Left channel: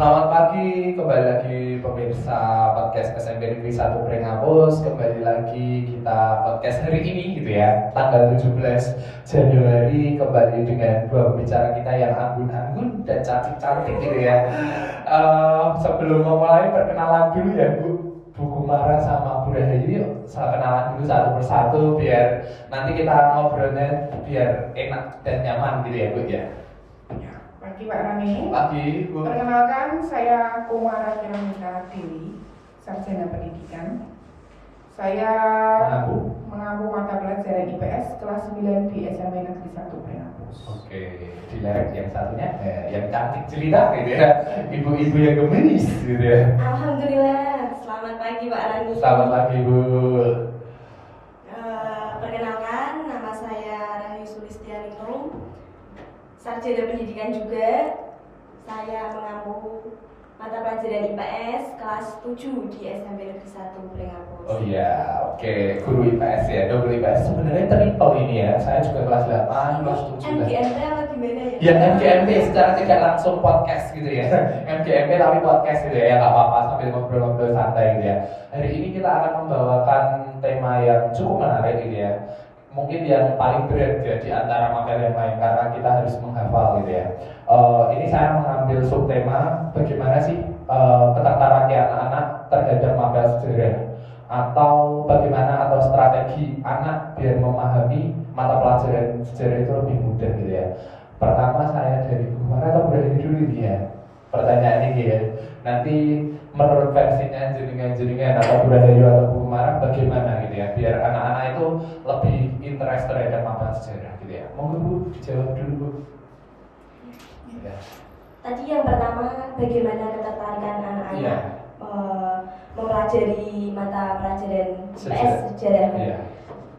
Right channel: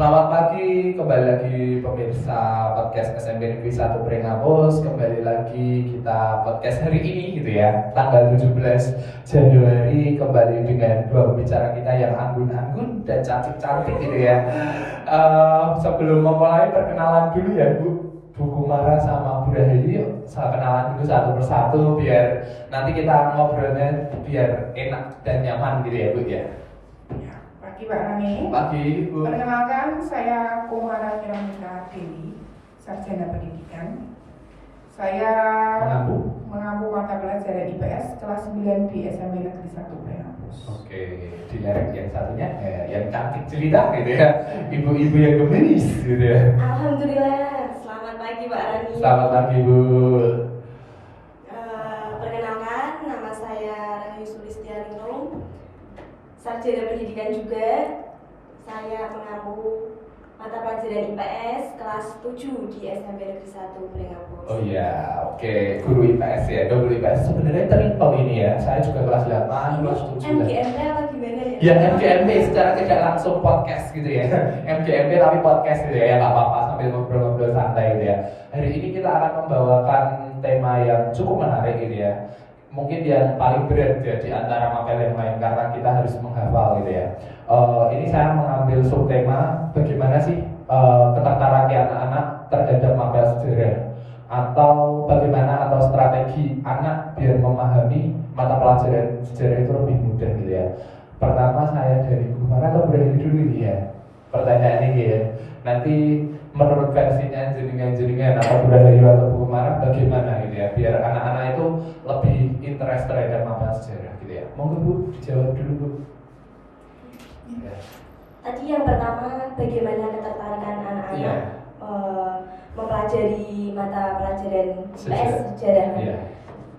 Selamat pagi, kembali lagi pemirsa podcast SMP Negeri 1 Prenghapus. Kembali lagi kita podcast hari ini gitu ya, tanggal 17 Januari, kembali dengan dua pembicara kita yang anggun-anggun dan cantik-cantik gitu ya. Sebelum memulai, perkenalan dulu ya Bu Kumara sama Bu Rahayu. Yuk, saya kenalan dulu satu persatu biar nanti kita ngobrolnya biar enak dan nyaman gitu ya Bu ya. Pagi Pak Rani. Pagi Bu. Perkenalkan, saya Kumara Kiramita Dewi, sarjana pendidikan. Saya mengampu mata pelajaran IPS kelas 9 di SMP Negeri 1 Prenghapus. Oke, di lereng yang satunya yang cantik cerita gitu ya, ibu-ibu yang gemes gitu ya. Alhamdulillah, selamat pagi Pak Rani. Selamat pagi Bu. Perkenalkan, nama saya Rahayu Sulistianingrum, sarjana pendidikan juga. Saya mengampu mata pelajaran IPS kelas 7 di SMP Negeri 1 Prenghapus. Oh iya, oke, guru IPS ya, double IPS. Sebenarnya triple ini ya, saya juga kelas 8, kelas 7. MGMP apa gimana ya? Ya MGMP secara tidak langsung podcast gitu ya. MGMP tapi podcast gitu ya, nggak apa-apa sambil ngobrol-ngobrol santai gitu ya. Hari ini kita akan membawakan tema yang cukup menarik gitu ya. Mungkin yang paling berat ya di antara materi yang lain karena kita harus menghafal gitu ya. Ini saya mengambil subtema bagaimana sih ketertarikan anak-anak terhadap mapel sejarah atau bagaimana atau strategi anak biar memahami mata pelajaran sejarah itu lebih mudah gitu ya. Pertama saya dari Bu Kumara atau Bu Rahayu dulu nih ya. Pertanyaan ini ya. Nanti menurut versinya jenengan atau Bu Rahayu atau Bu Kumara bagaimana gitu ya biar anak-anak itu lebih interest terhadap mapel sejarah gitu ya. Monggo Bu dijawab dulu Bu. Ya. Tadi yang pertama, bagaimana ketertarikan anak-anak mempelajari mata pelajaran IPS sejarah. Ya.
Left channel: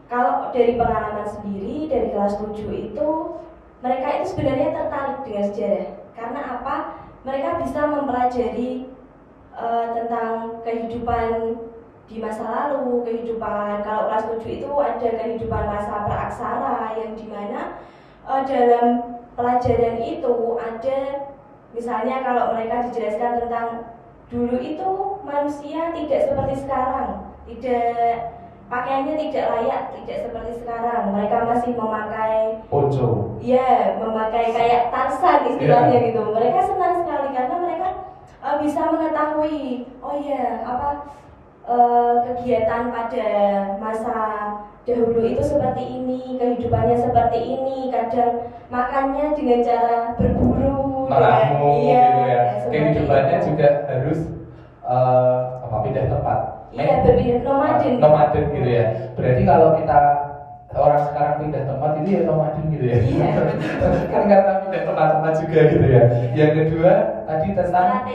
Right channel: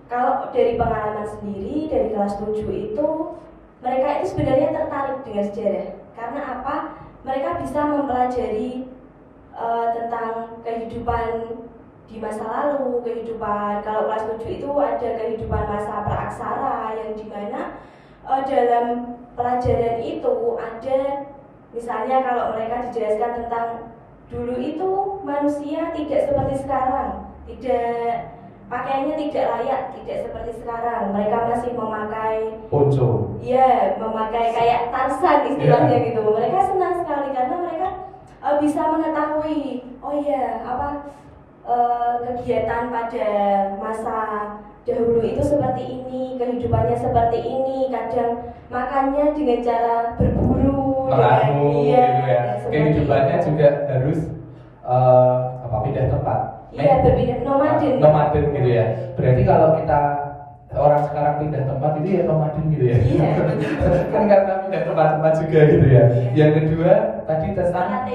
Kalau dari pengalaman sendiri dari kelas 7 itu mereka itu sebenarnya tertarik dengan sejarah. Karena apa? Mereka bisa mempelajari tentang kehidupan di masa lalu, kehidupan kalau kelas 7 itu ada kehidupan masa praaksara yang dimana dalam pelajaran itu ada misalnya kalau mereka dijelaskan tentang dulu itu manusia tidak seperti sekarang, tidak pakaiannya tidak layak, tidak seperti sekarang. Mereka masih memakai ponco. Iya, memakai kayak Tarzan istilahnya gitu. Mereka senang sekali karena mereka bisa mengetahui, oh iya, kegiatan pada masa dahulu itu seperti ini, kehidupannya seperti ini. Kadang makannya dengan cara berburu, meramu iya, gitu ya. Kehidupannya itu juga harus pindah tempat. Iya, berpindah nomaden gitu ya. Berarti kalau kita orang sekarang pindah tempat itu ya nomaden gitu ya. Iya. Kan karena pindah tempat-tempat juga gitu ya. Yang kedua tadi tentang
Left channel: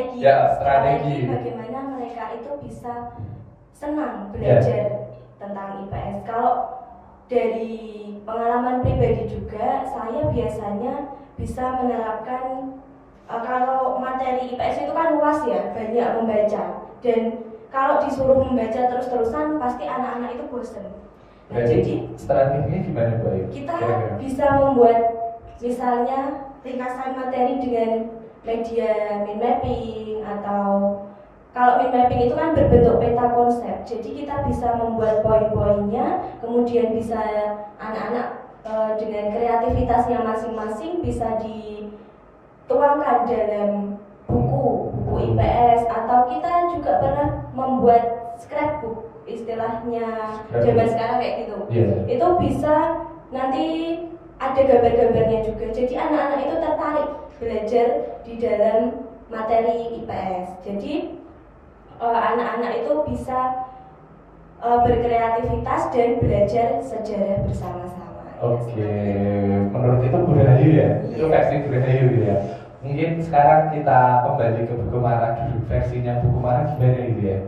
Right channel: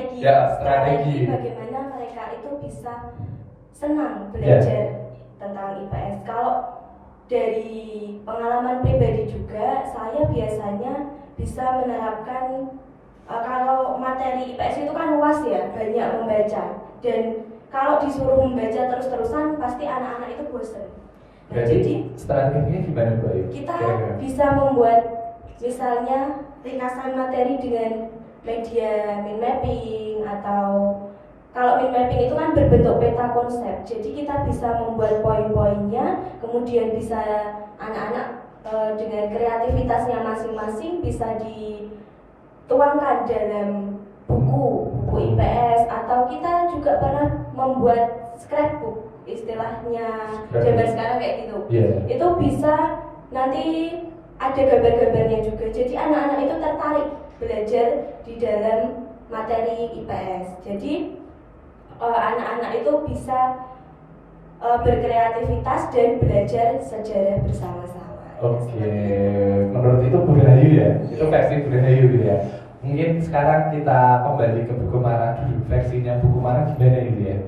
strategi. Bagaimana mereka itu bisa senang belajar tentang IPS. Kalau dari pengalaman pribadi juga, saya biasanya bisa menerapkan kalau materi IPS itu kan luas ya, banyak membaca. Dan kalau disuruh membaca terus-terusan, pasti anak-anak itu bosan. Jadi strateginya gimana Bu Ayu? Kita bisa membuat misalnya ringkasan materi dengan media mind mapping, atau kalau mind mapping itu kan berbentuk peta konsep. Jadi kita bisa membuat poin-poinnya, kemudian bisa anak-anak dengan kreativitasnya masing-masing bisa dituangkan dalam buku IPS, atau kita juga pernah membuat scrapbook, istilahnya zaman sekarang kayak gitu. Itu bisa nanti ada gambar-gambarnya juga. Jadi anak-anak itu tertarik belajar di dalam materi IPS. Jadi anak-anak itu bisa berkreativitas dan belajar sejarah bersama-sama. Oke, menurut itu Bu Rahayu ya? Itu versi Bu Rahayu gitu ya. Mungkin sekarang kita kembali ke Bu Kumara dulu. Versinya Bu Kumara gimana gitu ya?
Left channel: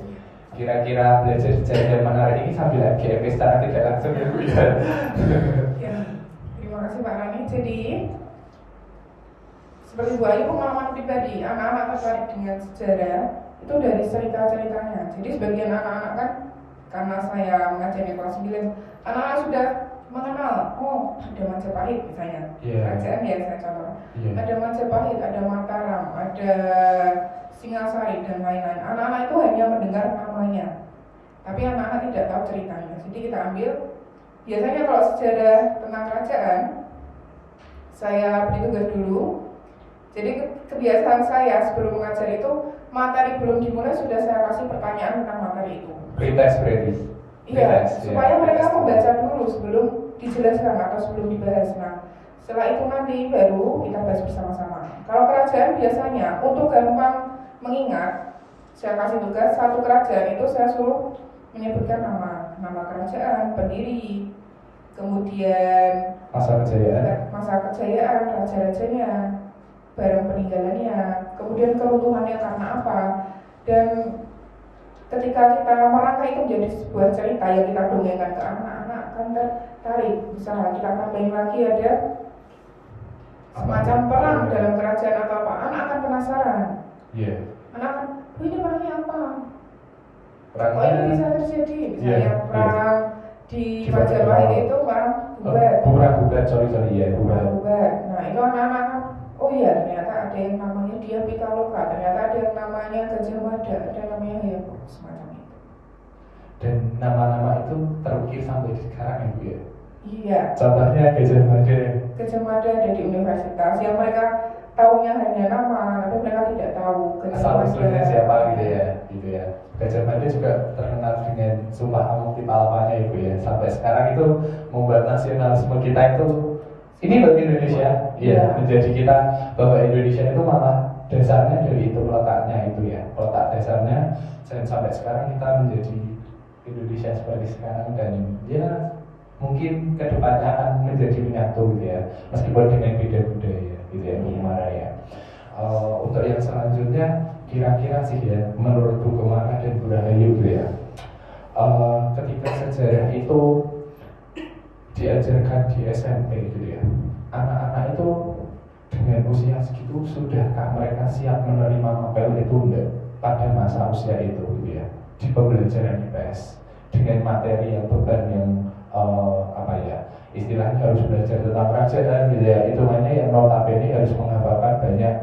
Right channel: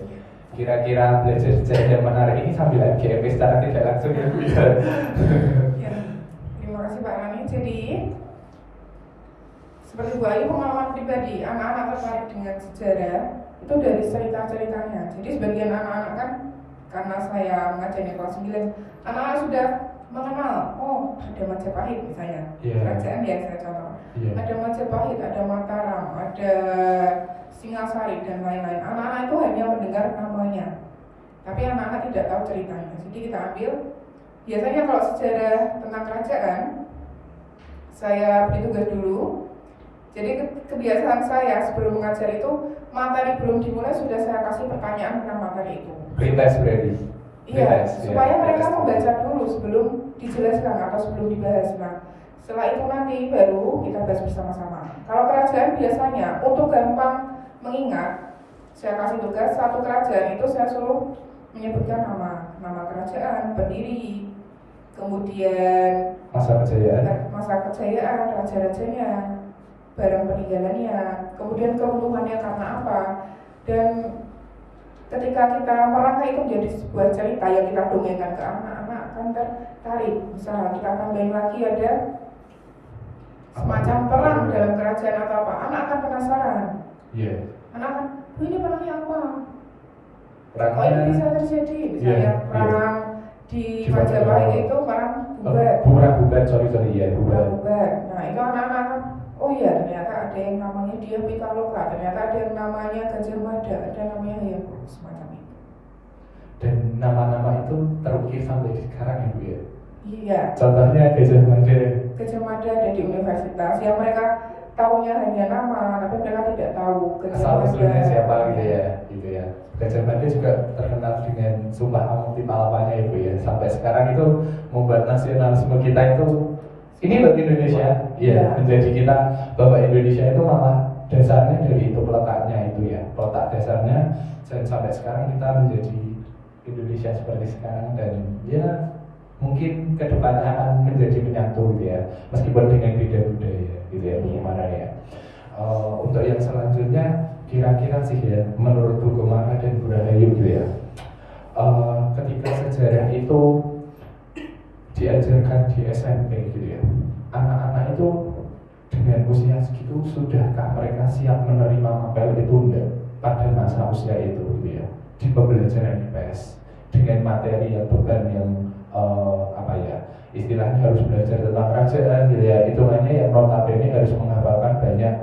Kira-kira belajar sejarah yang menarik ini sambil MGMP secara tidak langsung ya Bu ya? Ya, terima kasih Pak Rani. Jadi seperti Bu Ayu, pengalaman pribadi anak-anak tertarik dengan sejarah itu dari cerita-ceritanya. Jadi sebagian anak-anak kan, karena saya ngajar di kelas 9, anak-anak sudah mengenal, oh ada Majapahit misalnya, Iya. kerajaan yang saya contoh. Iya. Ada Majapahit, ada Mataram, ada Singasari dan lain-lain. Anak-anak itu hanya mendengar namanya, tapi anak-anak tidak tahu ceritanya. Jadi kita ambil, biasanya kalau sejarah tentang kerajaan, saya beri tugas dulu. Jadi kebiasaan saya sebelum mengajar itu, materi belum dimulai sudah saya kasih pertanyaan tentang materi itu. Pretest berarti. Iya, Pretest, supaya ya. mereka membaca dulu sebelum dijelaskan atau sebelum dibahas. Nah, setelah itu nanti baru kita bahas bersama-sama. Kalau kerajaan biasanya untuk gampang mengingat, saya kasih tugas satu kerajaan itu saya suruh menyebutkan nama kerajaan, pendiri, kemudian masa kejayaan, raja-rajanya, barang peninggalannya, kemudian keruntuhannya karena apa, dan ketika kita merangkai itu menjadi sebuah cerita yang kita dongengkan ke anak-anak akan tertarik. Misalnya kita tambahin lagi ada semacam perang dalam kerajaan atau apa, anak akan penasaran. Iya. Anak akan, oh ini perangnya apa? Perang Oh ini bisa terjadi, misalnya perang di Majapahit itu perang bubat. Sorry, iya, bubat. Nah itu anak-anak kan, oh iya ternyata ada yang namanya dia Pitaloka, ternyata ada yang namanya Gajah Mada, ada namanya Hayam, semacam itu. Dan nama-nama itu terukir sampai sekarang ya Bu ya? Iya. Contohnya Gajah Mada. Gajah Mada ada di universitas yang mereka taunya hanya nama, tapi mereka tidak tahu Asal usulnya siapa gitu ya. Gajah Mada juga terkenal dengan Sumpah Amuk di Palapanya Ibu ya. Sampai sekarang itu membuat nasionalisme kita itu ini loh Indonesia, ya menjadi kita bahwa Indonesia itu malah dasarnya dari itu letaknya itu ya, letak dasarnya dan sampai sekarang kita menjadi Indonesia seperti sekarang dan ya mungkin kedepannya akan menjadi menyatu gitu ya, meskipun dengan beda budaya gitu ya Bu Mara ya. Untuk yang selanjutnya kira-kira sih ya menurut Bu Mara dan Bu Rahayu gitu ya, ketika sejarah itu diajarkan di SMP gitu ya, anak-anak itu dengan usia segitu sudahkah mereka siap menerima apel itu enggak pada masa usia itu gitu ya, di pembelajaran IPS dengan materi yang beban yang istilahnya harus belajar tentang kerajaan gitu ya, itu hanya yang notabene harus menghafalkan banyak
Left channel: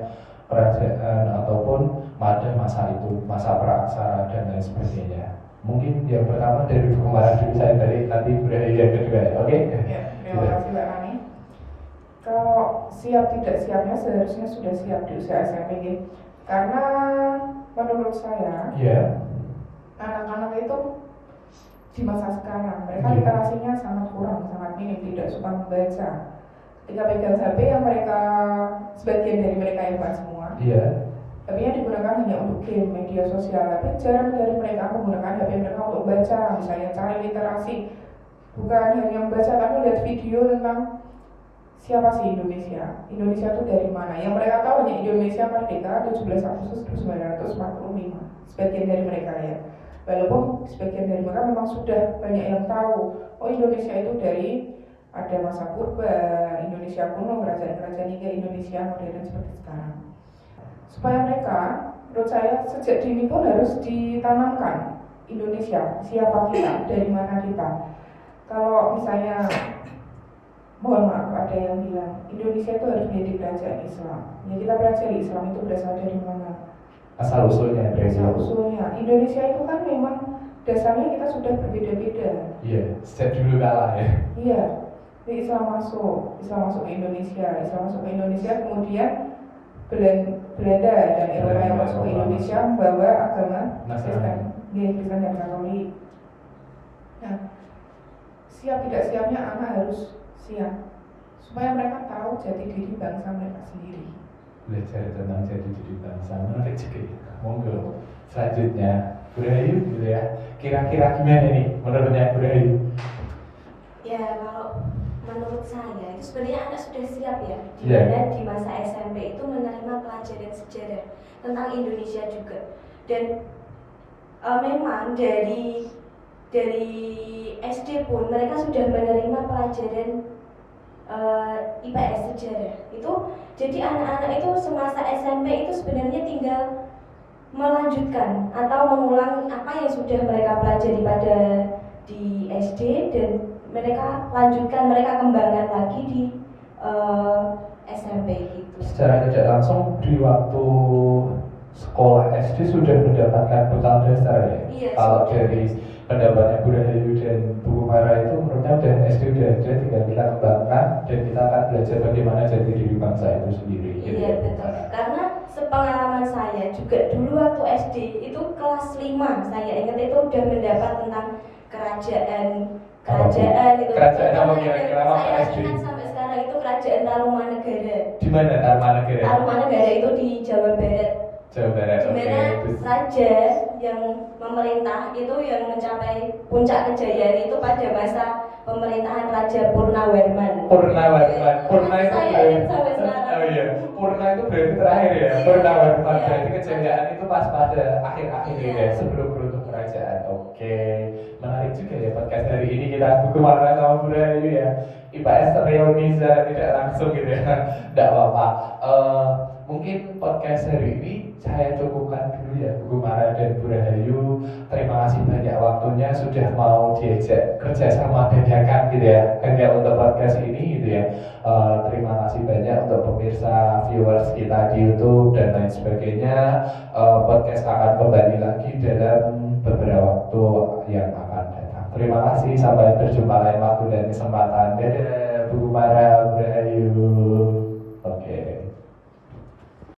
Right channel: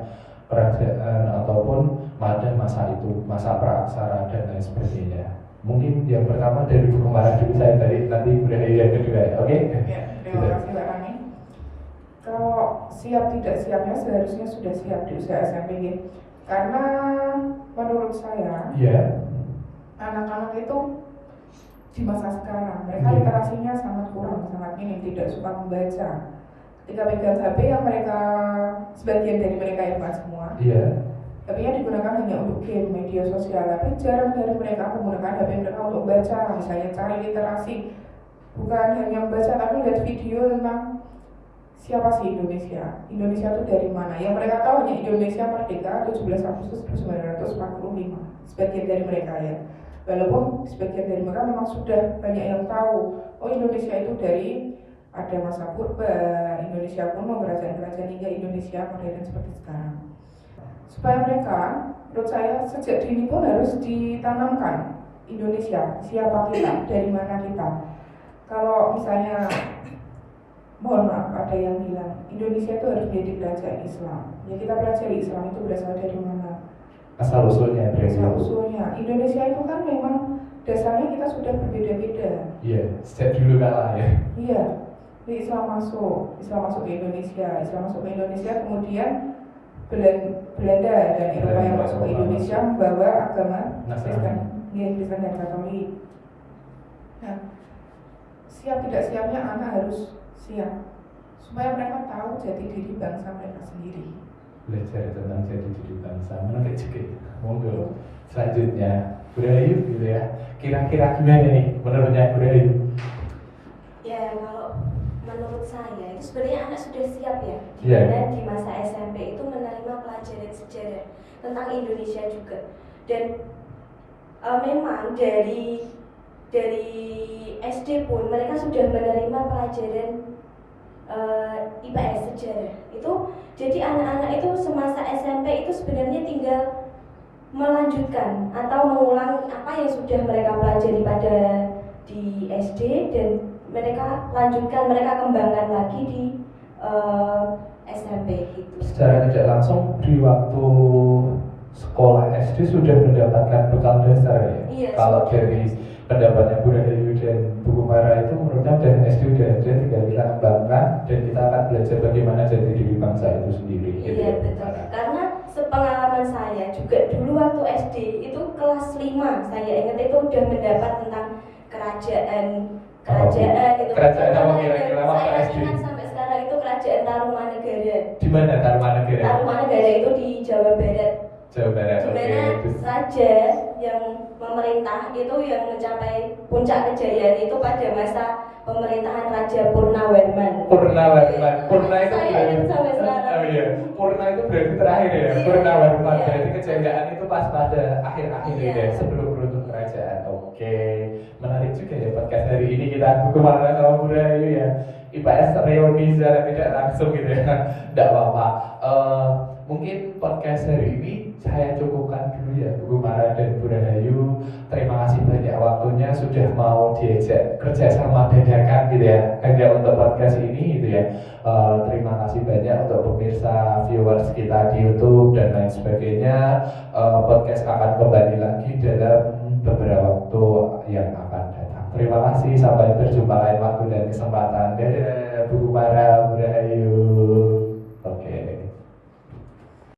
kerajaan ataupun pada masa itu, masa praaksara dan lain sebagainya. Mungkin yang pertama dari Bu Mara dulu, saya dari nanti budaya yang kedua ya, oke? Ya, terima kasih Mbak Rani. Kalau siap tidak siapnya seharusnya sudah siap di usia SMP, karena menurut saya anak-anak itu di masa sekarang mereka literasinya sangat kurang, sangat minim, tidak suka membaca. Ketika pegang HP yang mereka, sebagian dari mereka yang bukan semua, HP-nya digunakan hanya untuk game, media sosial, tapi jarang dari mereka menggunakan HP mereka untuk baca, misalnya cari literasi, bukan hanya membaca tapi lihat video tentang siapa sih Indonesia itu dari mana. Yang mereka tahu hanya Indonesia merdeka 17 Agustus 1945, sebagian dari mereka ya. Walaupun sebagian dari mereka memang sudah banyak yang tahu, oh Indonesia itu dari ada masa purba, Indonesia kuno, kerajaan-kerajaan hingga Indonesia modern seperti sekarang. Supaya mereka, menurut saya sejak dini pun harus ditanamkan Indonesia, siapa kita, dari mana kita. Kalau misalnya, mohon maaf ada yang bilang Indonesia itu harus menjadi kerajaan Islam, ya kita pelajari Islam itu berasal dari mana? Asal usulnya. Indonesia itu kan memang dasarnya kita sudah berbeda-beda. Iya, sejak dulu kala ya. Iya, Islam masuk ke Indonesia, kemudian Belanda dan Eropa yang masuk ke Indonesia membawa agama Kristen dan Katolik. Nah, siap tidak siapnya anak harus siap supaya mereka tahu jati diri bangsa mereka sendiri. Belajar tentang jati diri bangsa, menarik juga. Monggo selanjutnya Bu Rahayu gitu ya. Kira-kira gimana nih menurutnya Bu Rahayu? Ya kalau menurut saya itu sebenarnya anak sudah siap ya. Dan di masa SMP itu menerima pelajaran sejarah tentang Indonesia juga. Dan memang dari SD pun mereka sudah menerima pelajaran IPS sejarah itu. Jadi anak-anak itu semasa SMP itu sebenarnya tinggal melanjutkan atau mengulang apa yang sudah mereka pelajari pada di SD dan mereka kembangkan lagi di SMP gitu. Secara tidak langsung di waktu sekolah SD sudah mendapatkan bekal dasar ya? Iya, Kalau sudah. dari pendapatnya Bu Rahayu dan Bu Kumara itu menurutnya udah SD udah ada, tinggal kita kembangkan dan kita akan belajar bagaimana jati diri bangsa itu sendiri. Gitu Iya ya. betul. Karena sepengalaman saya juga dulu waktu SD itu kelas 5 saya ingat itu udah mendapat tentang kerajaan gitu. Kerajaan apa kira-kira waktu Saya SD? ingat sampai sekarang itu kerajaan Tarumanegara. Di mana Tarumanegara? Tarumanegara itu di Jawa Barat. Jawa Barat. Di Oke. mana Terus raja yang memerintah itu yang mencapai puncak kejayaan itu pada masa pemerintahan Raja Purnawarman. Purnawarman. Purna itu Saya berarti. ingat sampai sekarang. Oh iya. Purna itu berarti terakhir ya. Iya. Purnawarman Iya. berarti kejayaan itu pas pada akhir-akhir Iya. ya sebelum runtuh kerajaan. Oke. Menarik juga ya podcast hari ini kita Bu Kumara sama Bu Rahayu ya. IPS reuni secara tidak langsung gitu ya. Tidak apa-apa. Mungkin podcast hari ini saya cukupkan dulu ya Bu Kumara dan Bu Rahayu. Terima kasih banyak waktunya sudah mau diajak kerjasama dadakan gitu ya hanya untuk podcast ini gitu ya. Terima kasih banyak untuk pemirsa viewers kita di YouTube dan lain sebagainya. Podcast akan kembali lagi dalam beberapa waktu yang akan datang. Terima kasih, sampai berjumpa lain waktu dan kesempatan. Dadah Bu Kumara, Bu Rahayu.